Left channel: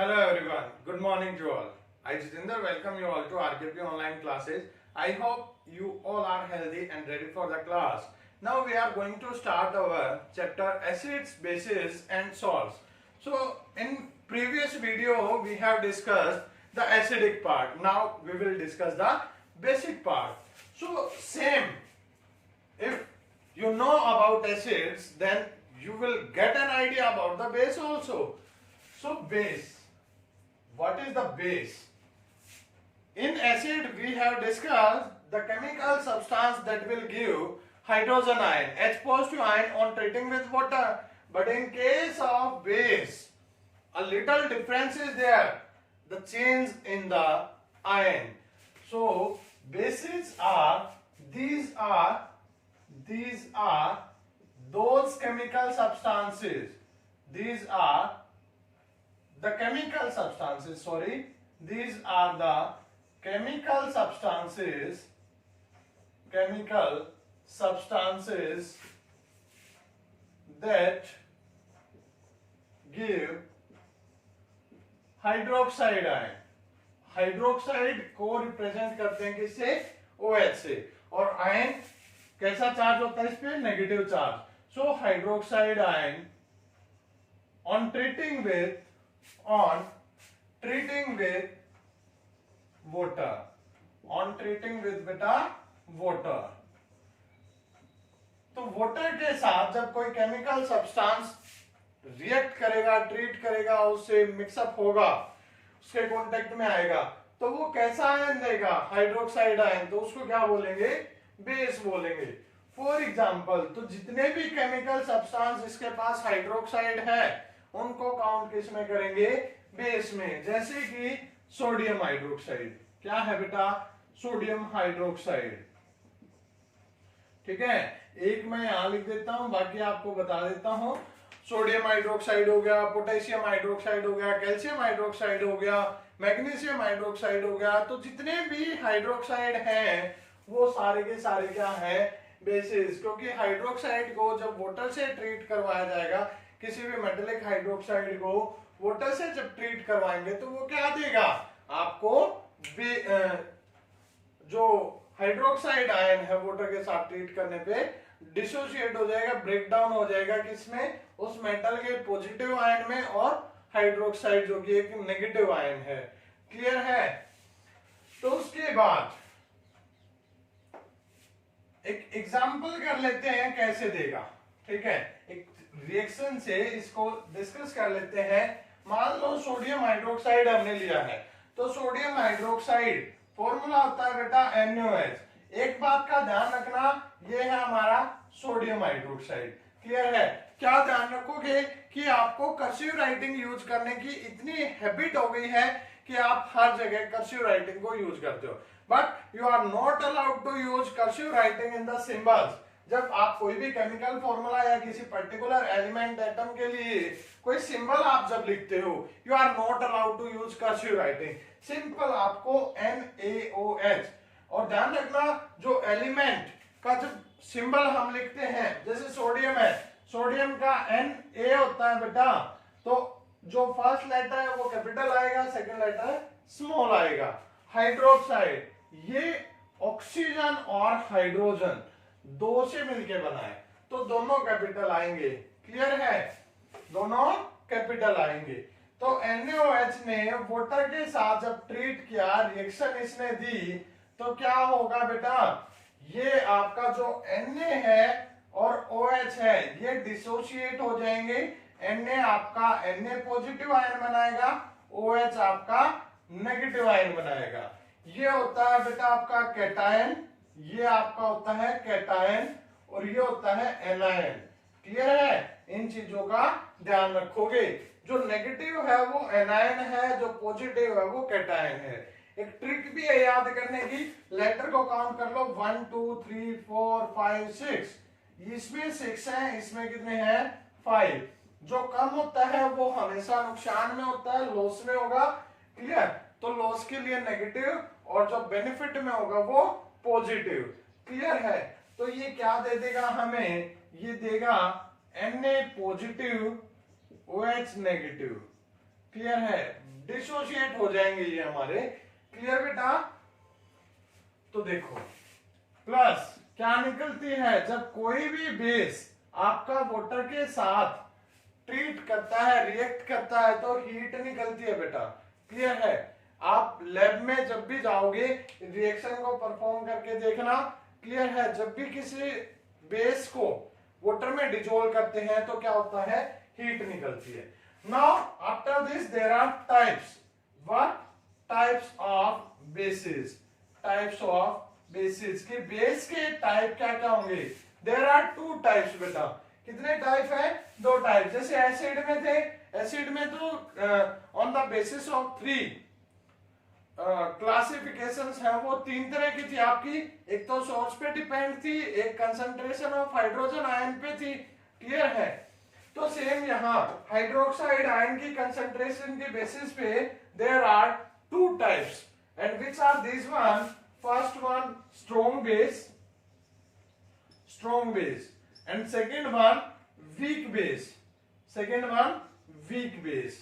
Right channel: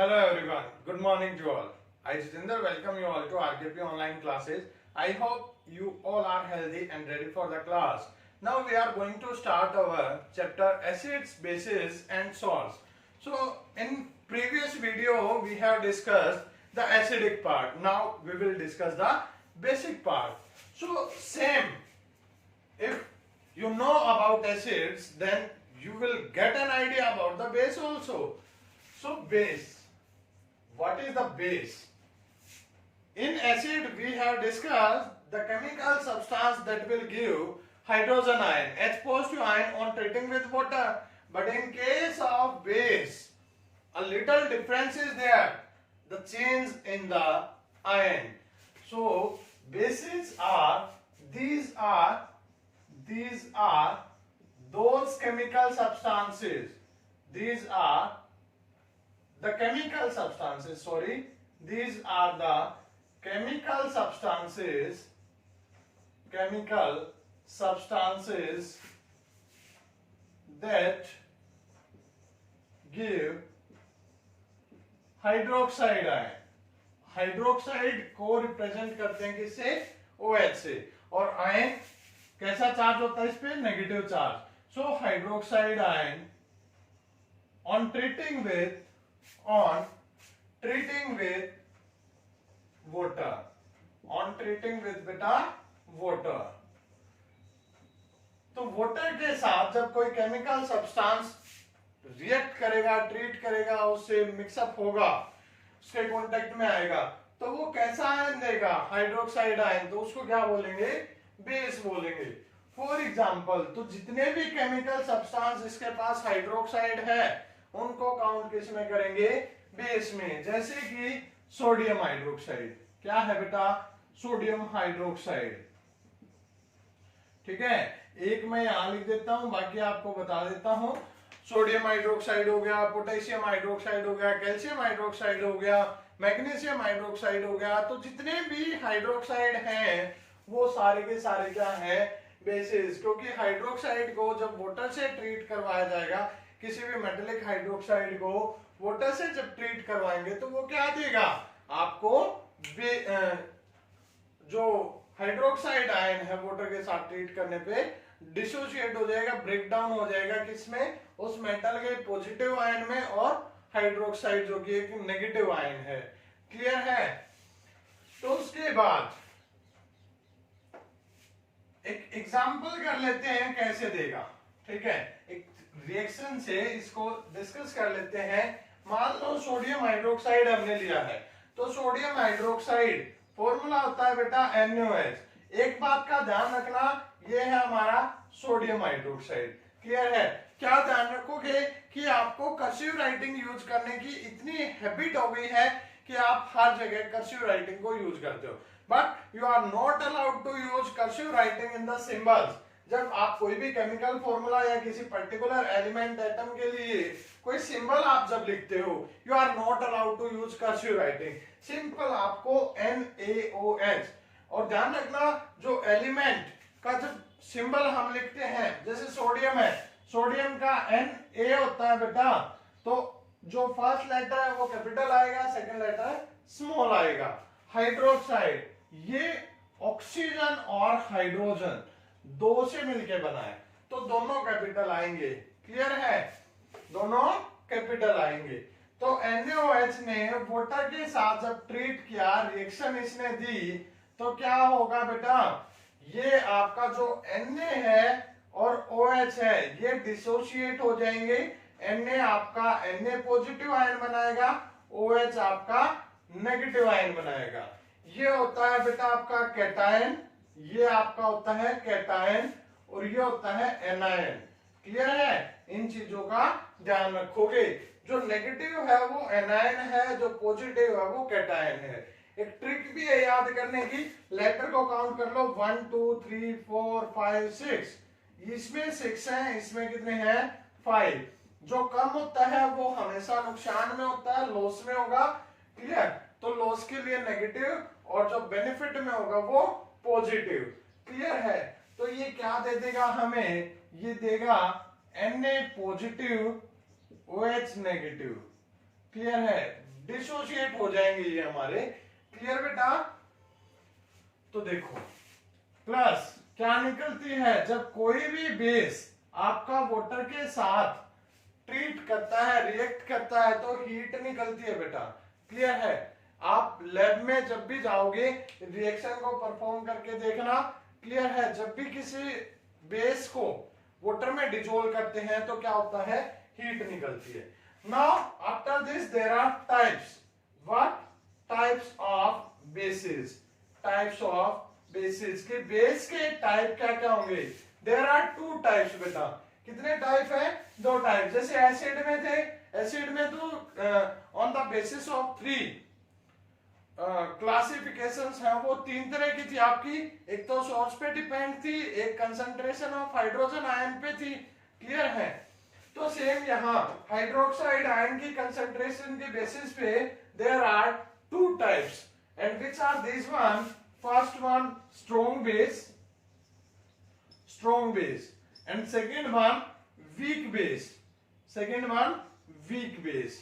Hello everyone, good morning to all. I Jitinder welcome you all to RKP online classes. I hope you all are healthy and ready for the class. Now we are going to start our chapter acids, bases and salts. So in previous video we have discussed the acidic part. Now we will discuss the basic part. So same, if you know about acids, then you will get an idea about the base also. So base. What is the base? In acid we have discussed the chemical substance that will give hydrogen ion, H positive ion on treating with water. But in case of base, a little difference is there, the change in the ion. So bases are these are those chemical substances. These are the chemical substances, these are the chemical substances that give hydroxide ion. Hydroxide को represent करते हैं किससे? OH से. और ion कैसा charge होता है इस पे? Negative charge. So hydroxide ion on treating with water, water. तो वाटर के साथ जब कोई केमिकल सब्सटेंस रिएक्ट करेगा, ट्रीट करेगा, उससे मिक्सअप होगा, उसके कांटेक्ट में आएगा, तो वो कैसा आयन देगा? Hydroxide ion. तो उसको क्या बोलेंगे? बेस बोलेंगे. फॉर एग्जाम्पल, तो जितने भी केमिकल सब्सटेंस इसके पास हाइड्रोक्साइड है उनको काउंट किस में करेंगे? बेस में. जैसे कि सोडियम हाइड्रोक्साइड. क्या है बेटा? Sodium hydroxide. ठीक है, एक मैं यहां लिख देता हूं, बाकी आपको बता देता हूं. सोडियम हाइड्रोक्साइड हो गया, पोटेशियम हाइड्रोक्साइड हो गया, कैल्शियम हाइड्रोक्साइड हो गया, मैग्नीशियम हाइड्रोक्साइड हो गया. तो जितने भी हाइड्रोक्साइड हैं वो सारे के सारे क्या है? बेसिस. क्योंकि हाइड्रोक्साइड को जब वाटर से ट्रीट करवाया जाएगा, किसी भी मेटेलिक हाइड्रोक्साइड को वाटर से जब ट्रीट करवाएंगे तो वो क्या देगा आपको? जो हाइड्रोक्साइड आयन है वाटर के साथ ट्रीट करने पे डिसोसिएट हो जाएगा, ब्रेक डाउन हो जाएगा. किसमें? उस मेटल के पॉजिटिव आयन में, और हाइड्रोक्साइड जो कि एक नेगेटिव आयन है. क्लियर है? तो उसके बाद एक एग्जांपल कर लेते हैं कैसे देगा. ठीक है, एक रिएक्शन से इसको डिस्कस कर लेते हैं. मान लो सोडियम हाइड्रोक्साइड हमने लिया है, तो सोडियम हाइड्रोक्साइड फॉर्मूला होता है बेटा NaOH. एक बात का ध्यान रखना, ये है हमारा सोडियम हाइड्रोक्साइड. क्लियर है? क्या ध्यान रखोगे कि आपको कर्सिव राइटिंग यूज करने की इतनी हैबिट हो गई है कि आप हर जगह कर्सिव राइटिंग को यूज करते हो, but you are not allowed to use cursive writing in the symbols. जब आप कोई भी केमिकल फॉर्मूला या किसी पर्टिकुलर एलिमेंट एटम के लिए कोई सिंबल आप जब लिखते हो, you are not allowed to use cursive writing. Simple आपको NaOH. और ध्यान रखना, जो एलिमेंट का जब सिंबल हम लिखते हैं, जैसे सोडियम है, सोडियम का Na होता है बेटा, तो जो फर्स्ट लेटर है वो कैपिटल आएगा, सेकंड लेटर स्मॉल आएगा. हाइड्रोक्साइड, ये ऑक्सीजन और हाइड्रोजन दो से मिलके बना है, तो दोनों कैपिटल आएंगे. क्लियर है? दोनों कैपिटल आएंगे. तो NaOH ने वाटर के साथ जब ट्रीट किया, रिएक्शन इसने दी, तो क्या होगा बेटा? ये आपका जो Na है और OH है ये डिसोसिएट हो जाएंगे. Na आपका Na पॉजिटिव आयन बनाएगा, OH आपका नेगेटिव आयन बनाएगा. ये होता है बेटा आपका कैटायन, ये आपका होता है कैटायन, और ये होता है एनायन. क्लियर है? इन चीजों का ध्यान रखोगे. जो नेगेटिव है वो एनायन है, जो पॉजिटिव है वो कैटायन है. एक ट्रिक भी है याद करने की, लेटर को काउंट कर लो. 1 2 3 4 5 6. इसमें 6 है, इसमें कितने हैं? 5. जो कम होता है वो हमेशा नुकसान में होता है, लॉस में होगा. क्लियर? तो लॉस के लिए नेगेटिव, और जो बेनिफिट में होगा वो पॉजिटिव. क्लियर है? तो ये क्या दे देगा हमें? ये देगा Na positive OH negative. Clear है? डिसोशिएट हो जाएंगे ये हमारे। क्लियर बेटा? तो देखो प्लस क्या निकलती है, जब कोई भी बेस आपका वाटर के साथ ट्रीट करता है, रिएक्ट करता है, तो हीट निकलती है बेटा। क्लियर है? आप लैब में जब भी जाओगे रिएक्शन को परफॉर्म करके देखना। क्लियर है? जब भी किसी बेस को वाटर में डिजोल्व करते हैं तो क्या होता है, हीट निकलती है। Now after this there are types. What types of bases? Types of bases के बेस के टाइप क्या क्या होंगे? देयर आर टू टाइप्स बेटा। कितने टाइप है? दो टाइप। जैसे एसिड में थे, एसिड में तो on the basis of three classifications है, वो तीन तरह की थी आपकी। एक तो सोर्स पे डिपेंड थी, एक कंसंट्रेशन ऑफ हाइड्रोजन आयन पे थी। क्लियर है? तो सेम यहाँ हाइड्रोक्साइड आयन की कंसंट्रेशन के बेसिस पे there are two types. And which are this one? First one strong base and second one weak base।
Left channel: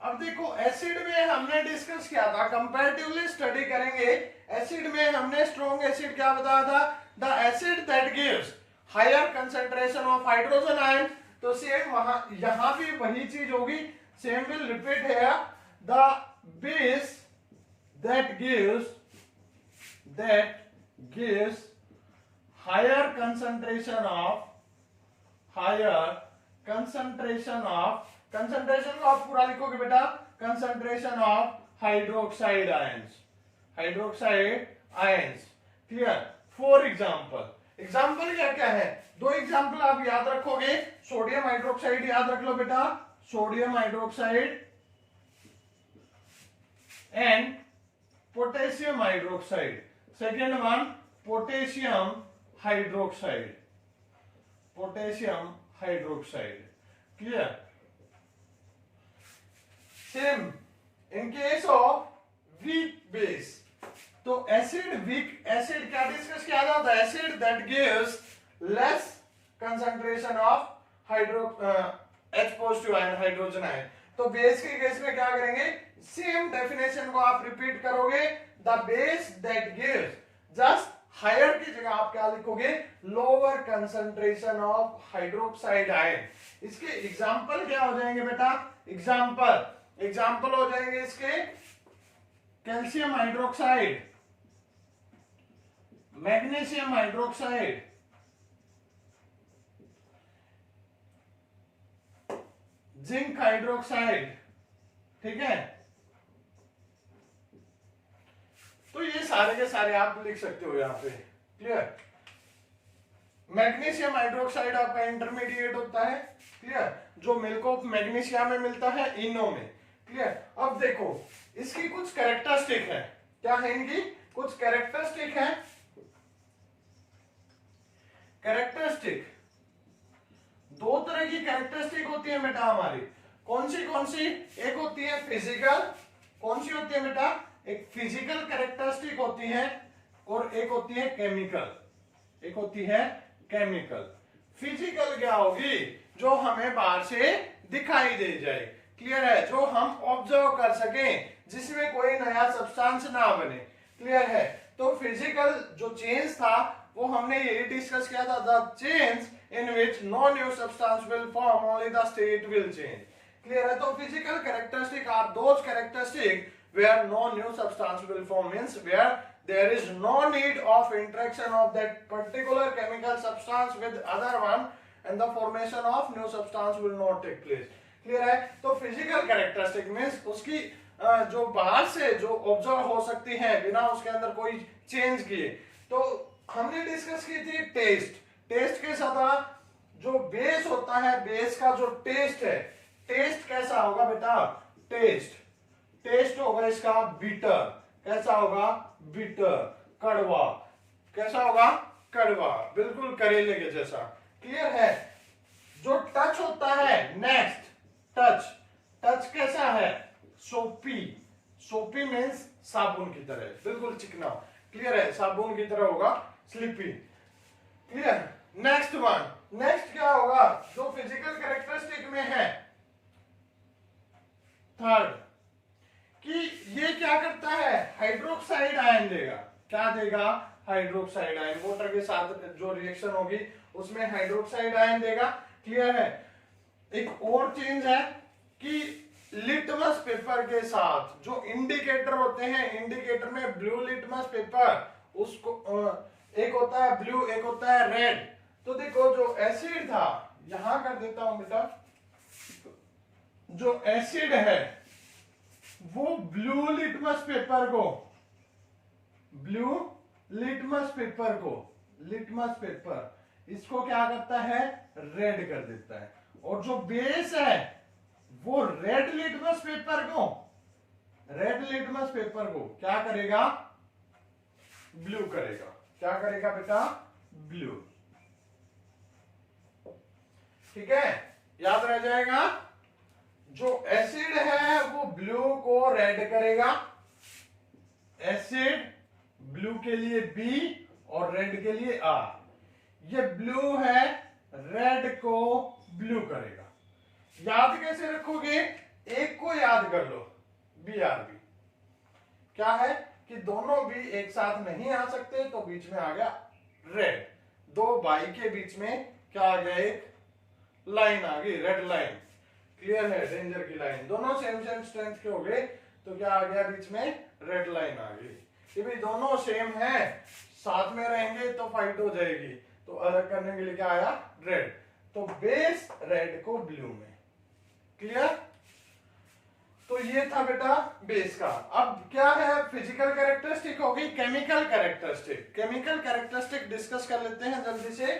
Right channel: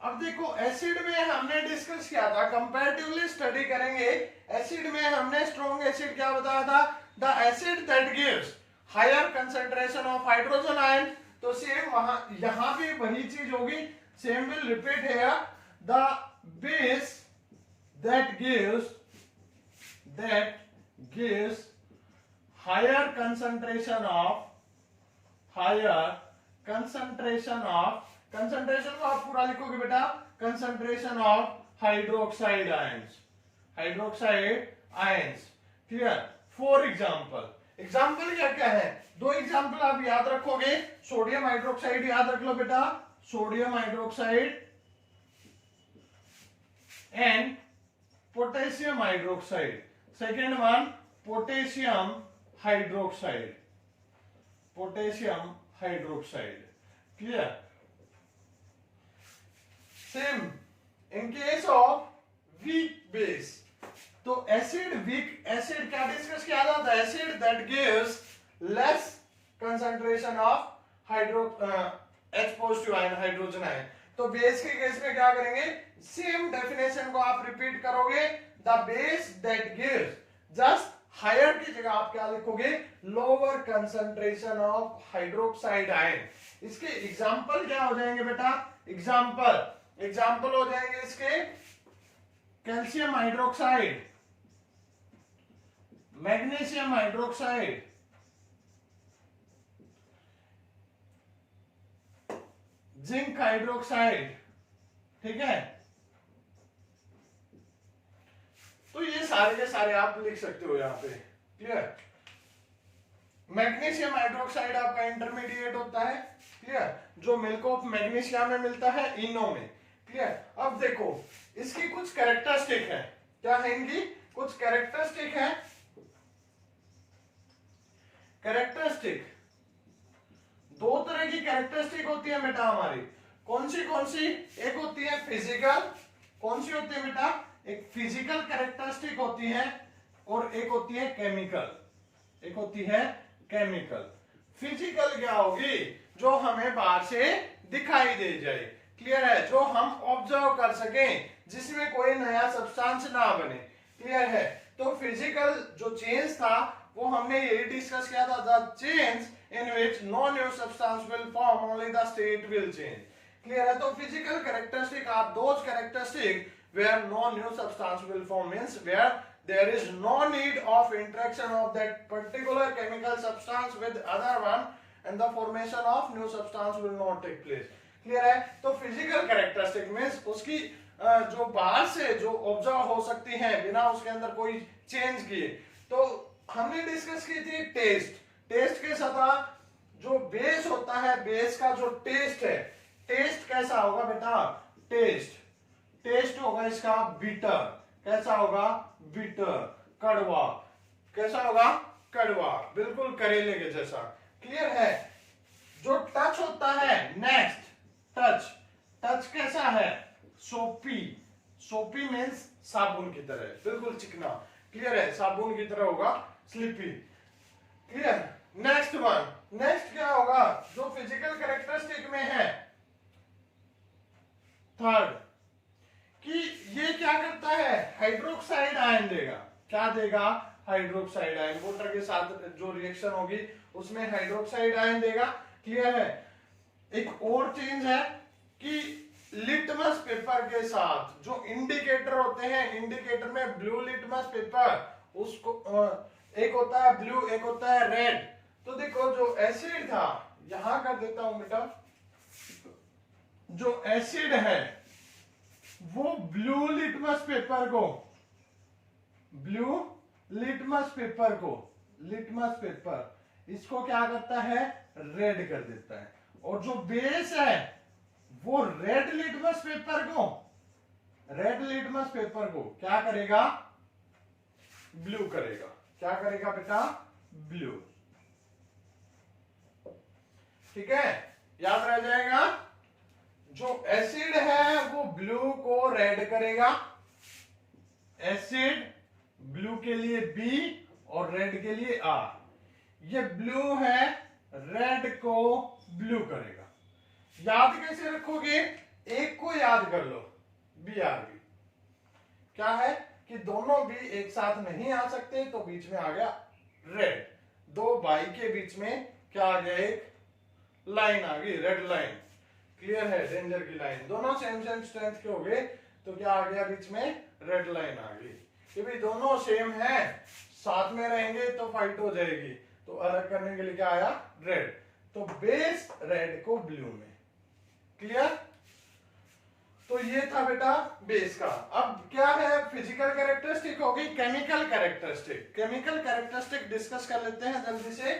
अब देखो एसिड में हमने डिस्कस किया था, कंपैरेटिवली स्टडी करेंगे। एसिड में हमने स्ट्रॉन्ग एसिड क्या बताया था? The acid that gives higher concentration of hydrogen ion. तो सेम वहां यहां भी वही चीज होगी, same will repeat here. The base that gives higher concentration को आप पूरा लिखोगे बेटा, concentration of hydroxide ions. Clear? For example क्या क्या है? दो एग्जाम्पल आप याद रखोगे। सोडियम हाइड्रोक्साइड याद रख लो बेटा, sodium hydroxide and potassium hydroxide. Second one potassium hydroxide. Clear? Same in case of weak base. तो वीक एसिड क्या डिस्कस किया जाता है? Acid that gives less concentration of H positive ion, hydrogen ion. तो बेस के case में क्या करेंगे? सेम डेफिनेशन को आप रिपीट करोगे। The base that gives, just higher की जगह आप क्या लिखोगे? Lower concentration of hydroxide ion. इसके एग्जाम्पल क्या हो जाएंगे बेटा? एग्जाम्पल हो जाएंगे इसके calcium hydroxide, magnesium hydroxide, zinc hydroxide. ठीक है? तो ये सारे के सारे आप लिख सकते हो यहां पे। क्लियर? मैग्नीशियम हाइड्रोक्साइड आपका इंटरमीडिएट होता है। क्लियर? जो मिल्क ऑफ मैग्नीशिया में मिलता है, इनो में। क्लियर? अब देखो इसकी कुछ कैरेक्टरिस्टिक है। क्या है इनकी? कुछ कैरेक्टरिस्टिक है। कैरेक्टरिस्टिक दो तरह की कैरेक्टरिस्टिक होती है बेटा हमारी। कौन सी? एक होती है फिजिकल। कौन सी होती है बेटा? एक फिजिकल कैरेक्टरिस्टिक होती है और एक होती है केमिकल। फिजिकल क्या होगी? जो हमें बाहर से दिखाई दे जाए। क्लियर है? जो हम ऑब्जर्व कर सकें, जिसमें कोई नया सब्सटेंस ना बने। क्लियर है? तो फिजिकल जो चेंज था वो हमने यही डिस्कस किया था, the change in which no new substance will form, only the state will change. Clear है? तो physical characteristic are those characteristic where no new substance will form, means where there is no need of interaction of that particular chemical substance with other one and the formation of new substance will not take place. Clear है? तो physical characteristic means उसकी जो बाहर से जो observe हो सकती हैं बिना उसके अंदर कोई चेंज किए। तो हमने डिस्कस की थी टेस्ट के साथ जो बेस होता है, बेस का जो टेस्ट है, टेस्ट कैसा होगा बेटा? टेस्ट होगा इसका बिटर। कैसा होगा? बिटर, कड़वा। कैसा होगा? कड़वा, बिल्कुल करेले के जैसा। क्लियर है? जो टच होता है, नेक्स्ट टच कैसा है? सोपी मीन्स साबुन की तरह, बिल्कुल चिकना। क्लियर है? साबुन की तरह होगा, स्लिपी। क्लियर? नेक्स्ट क्या होगा? जो फिजिकल कैरेक्टरिस्टिक में है, थर्ड कि ये क्या करता है, हाइड्रोक्साइड आयन देगा। क्या देगा, हाइड्रोक्साइड आयन। वाटर के साथ जो रिएक्शन होगी उसमें हाइड्रोक्साइड आयन देगा। क्लियर है। एक और चीज है कि लिटमस पेपर के साथ जो इंडिकेटर होते हैं, इंडिकेटर में ब्लू लिटमस पेपर, उसको एक होता है ब्लू, एक होता है रेड। तो देखो जो एसिड था, यहां कर देता हूं बेटा, जो एसिड है वो ब्लू लिटमस पेपर को, ब्लू लिटमस पेपर को, लिटमस पेपर इसको क्या करता है, रेड कर देता है। और जो बेस है वो रेड लिटमस पेपर को, रेड लिटमस पेपर को क्या करेगा, ब्लू करेगा। क्या करेगा बेटा, ब्लू। ठीक है, याद रह जाएगा। जो एसिड है वो ब्लू को रेड करेगा। एसिड ब्लू के लिए बी और रेड के लिए आर। ये ब्लू है, रेड को ब्लू करेगा। याद कैसे रखोगे, एक को याद कर लो, बी आर बी। क्या है कि दोनों भी एक साथ नहीं आ सकते, तो बीच में आ गया रेड। दो बाई के बीच में क्या आ गया, एक लाइन आ गई, रेड लाइन। क्लियर है, डेंजर की लाइन। दोनों सेम सेम स्ट्रेंथ के हो गए, तो क्या आ गया बीच में, रेड लाइन आ गई। कि भाई दोनों सेम है, साथ में रहेंगे तो फाइट हो जाएगी, तो अलग करने के लिए क्या आया, रेड। तो बेस रेड को ब्लू में। क्लियर। तो ये था बेटा बेस का। अब क्या है, फिजिकल कैरेक्टरिस्टिक होगी, chemical characteristic. Chemical characteristic discuss कर लेते हैं जल्दी से।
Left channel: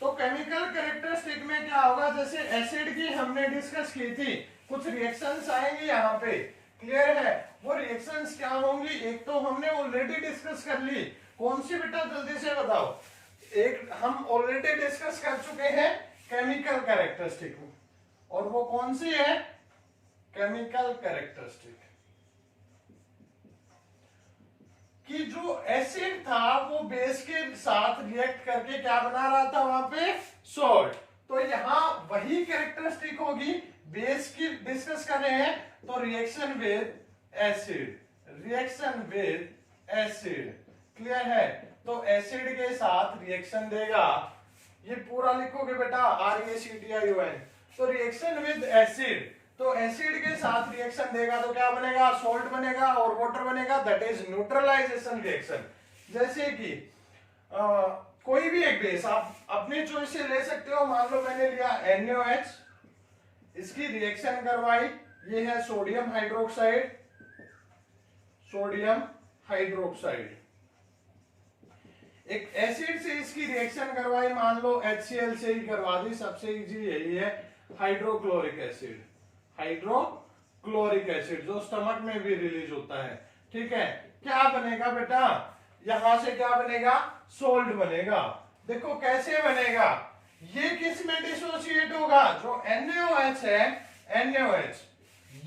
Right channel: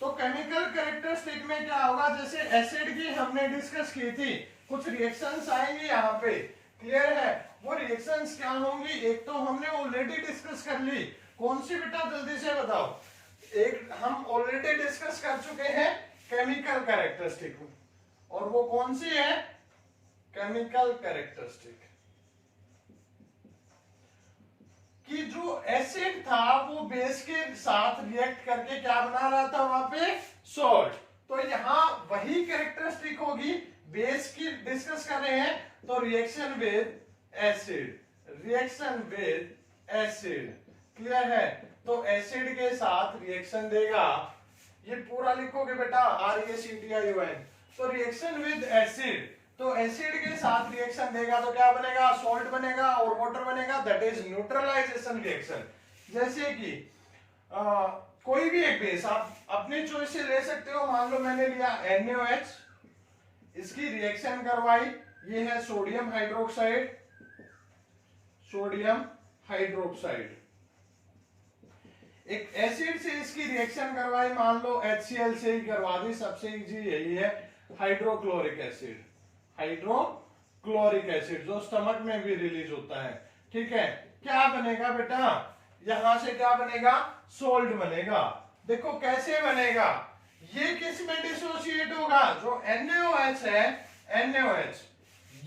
तो केमिकल कैरेक्टरिस्टिक में क्या होगा, जैसे एसिड की हमने डिस्कस की थी, कुछ रिएक्शंस आएंगे यहाँ पे। क्लियर है। वो रिएक्शंस क्या होंगी, एक तो हमने ऑलरेडी डिस्कस कर ली। कौन सी बेटा, जल्दी से बताओ। एक हम ऑलरेडी डिस्कस कर चुके हैं केमिकल कैरेक्टरिस्टिक, और वो कौन सी है, केमिकल कैरेक्टरिस्टिक कि जो एसिड था वो बेस के साथ रिएक्ट करके क्या बना रहा था वहां पे, सॉल्ट। तो यहां वही कैरेक्टरिस्टिक होगी, बेस की डिस्कस कर रहे हैं, तो reaction with acid, reaction with acid. Clear है। तो एसिड के साथ रिएक्शन देगा, ये पूरा लिखोगे बेटा, RACTION। तो रिएक्शन विद एसिड, तो एसिड के साथ रिएक्शन देगा तो क्या बनेगा, सॉल्ट बनेगा और वाटर बनेगा, दैट इज न्यूट्रलाइजेशन रिएक्शन। जैसे कि कोई भी एक बेस आप अपनी चॉइस से ले सकते हो। मान लो मैंने लिया NaOH, इसकी रिएक्शन करवाई, ये है सोडियम हाइड्रोक्साइड, सोडियम हाइड्रोक्साइड। एक एसिड से इसकी रिएक्शन करवाई, मान लो HCl से ही करवा दी, सबसे इजी यही है, हाइड्रोक्लोरिक एसिड, हाइड्रोक्लोरिक एसिड जो स्टमक में भी रिलीज होता है। ठीक है, क्या बनेगा बेटा, यहां से क्या बनेगा, सोल्ट बनेगा। देखो कैसे बनेगा, ये किस में डिसोसिएट होगा, जो NaOH है, NaOH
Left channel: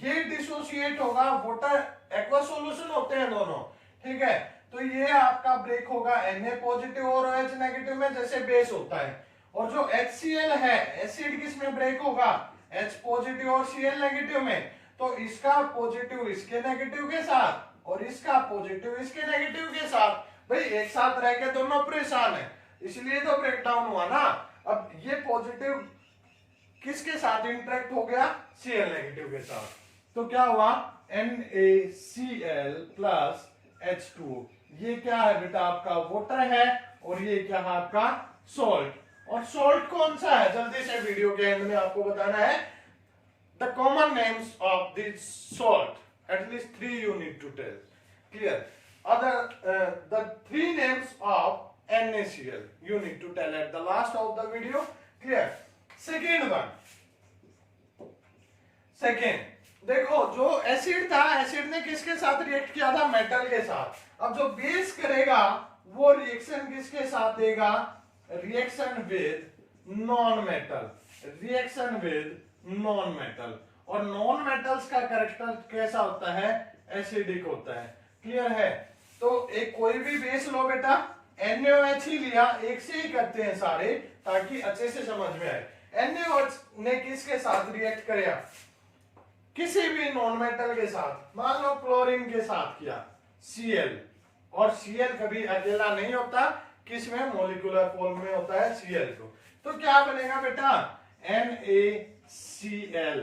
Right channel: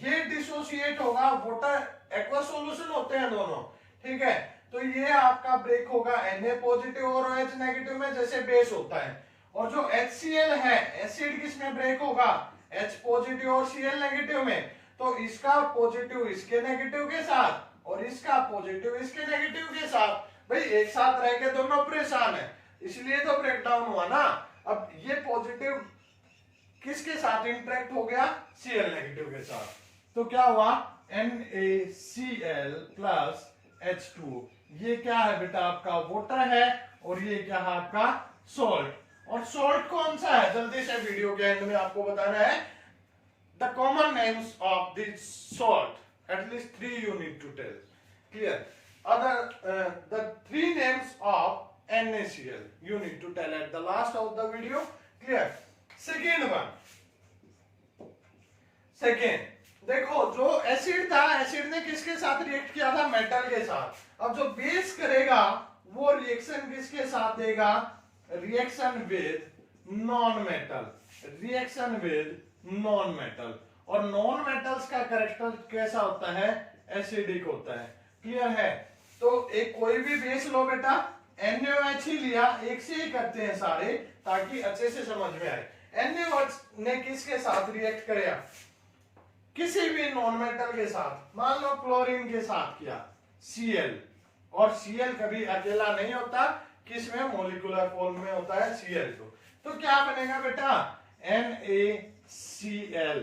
ये डिसोसिएट होगा, वाटर एक्वा सॉल्यूशन होते हैं दोनों। ठीक है, तो ये आपका ब्रेक होगा Na पॉजिटिव और OH नेगेटिव में, जैसे बेस होता है। और जो HCl है, एसिड किस में ब्रेक होगा, H पॉजिटिव और Cl नेगेटिव में। तो इसका पॉजिटिव इसके नेगेटिव के साथ और इसका पॉजिटिव इसके नेगेटिव के साथ। भाई एक साथ रह के दोनों परेशान है, इसलिए तो ब्रेक डाउन हुआ ना। अब ये पॉजिटिव किसके साथ इंटरेक्ट हो गया, Cl नेगेटिव के साथ। तो क्या हुआ, NaCl प्लस H2। ये क्या है बेटा, आपका वाटर है, और ये क्या है आपका सॉल्ट। और सॉल्ट कौन सा है, जल्दी से वीडियो के एंड में आपको बताना है। The common names of this salt, at least 3 you need to tell. Clear. The 3 names of NaCl you need to tell at the last of the video. Clear. Second one. Second, देखो जो acid था, acid ने किसके साथ react किया था, metal के साथ। अब जो बेस करेगा वो रिएक्शन किसके साथ देगा, reaction with non metal, reaction with non metal. और नॉन मेटल्स का कैरेक्टर कैसा होता है, एसिडिक होता है। क्लियर है। तो एक कोई भी बेस लो बेटा, NaOH ही लिया, एक से ही करते हैं सारे ताकि अच्छे से समझ में आए। NaOH ने किसके साथ रिएक्ट किया, किसी भी नॉन मेटल के साथ, मान लो क्लोरीन के साथ किया Cl, और Cl कभी अकेला नहीं होता, किसमें मॉलिक्यूलर फॉर्म में होता है Cl2, तो क्या बनेगा बेटा NaCl,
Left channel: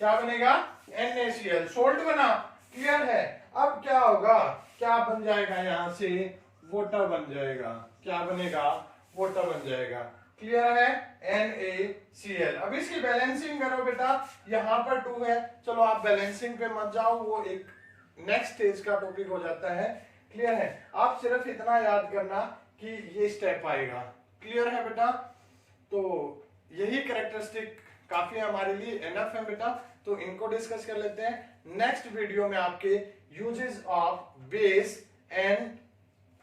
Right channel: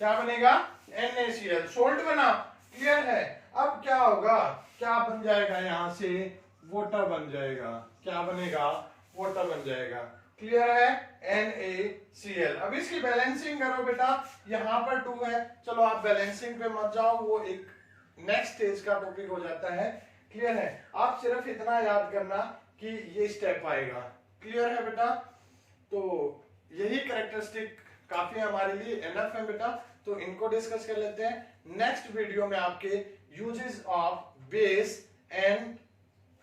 क्या बनेगा NaCl, सोल्ट बना, क्लियर है। अब क्या होगा, क्या बन जाएगा, यहां से वाटर बन जाएगा, क्या बनेगा वाटर बन जाएगा, क्लियर है NaCl। अब इसकी बैलेंसिंग करो बेटा, यहाँ पर 2 है, चलो आप बैलेंसिंग पे मत जाओ, वो एक नेक्स्ट स्टेज का टॉपिक हो जाता है, क्लियर है। आप सिर्फ इतना याद करना कि ये स्टेप आएगा, क्लियर है बेटा। तो यही कैरेक्टरिस्टिक काफी हमारे लिए एनफ है बेटा, तो इनको डिस्कस कर लेते हैं। नेक्स्ट वीडियो में आपके uses of base and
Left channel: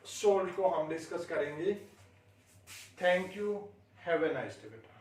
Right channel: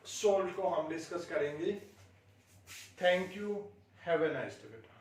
salt को हम डिस्कस करेंगे। Thank you, have a nice day बेटा।